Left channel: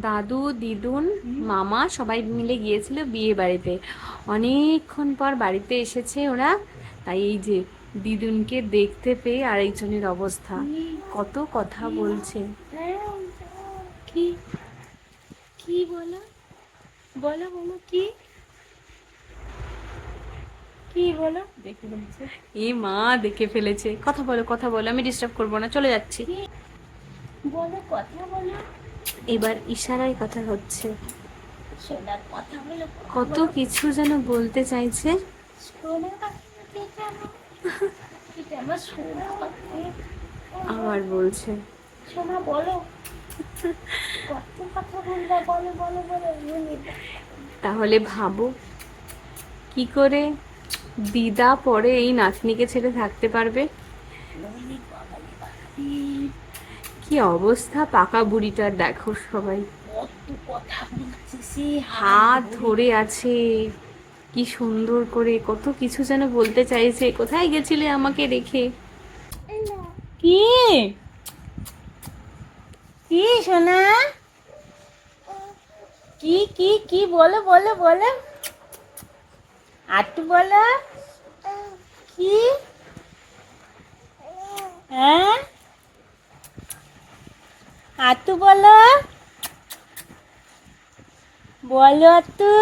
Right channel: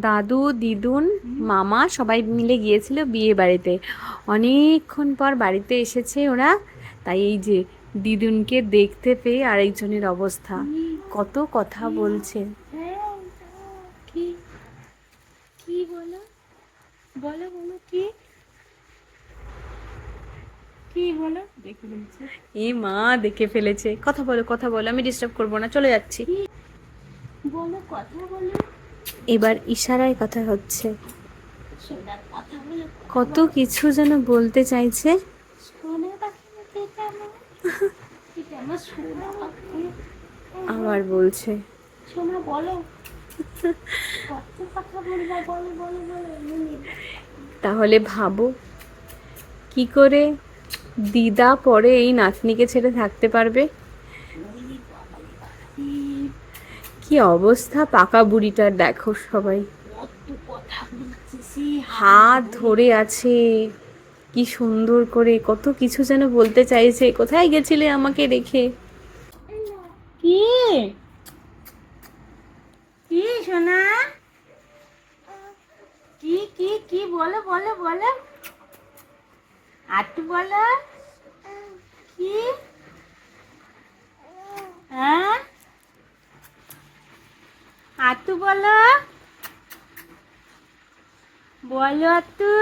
দাদু দিদুন মামা সবাই মিলে গিয়েছিল বিয়ে বাড়িতে। অনেকক্ষণ পর বাড়িতে এসেছে ওরা। তাই এই যে দিদুনকে দেখতে পেয়ে আরেকজনের অবস্থা। কত কথা বলছে। কি? কি বলো? বলো বলো কি? কি বলো? এ মা দেখে ফেলেছে। কথা বলো কথা বলো আমি ডিস্টার্ব করব না চলে যাচ্ছি। বলো কথা বলো। এবার ইশারায় কথা হচ্ছে। কত কিছু যেন বলতে চাইছে। আবার বলছে। তাহলে ভাবো কি করে দিদা পরে এই নাতনিকে ছেড়ে থাকতে পারবে? কি অবস্থা পাকা বুড়িটার? দেখো সবাই। হাত ধরে আছে। কি সুন্দর করে, কত কিছু যেন বলতে চাইছে। কোথায় গেছিলে আমাকে রেখে? কি? কি সোনা? কি কি কি? বলো বলো বলো। আটু বলো। কি? আতু বলো। বলো আতু।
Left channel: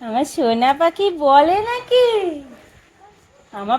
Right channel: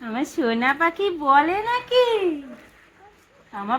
আমার সোনা পাখি বলে নাকি? আমার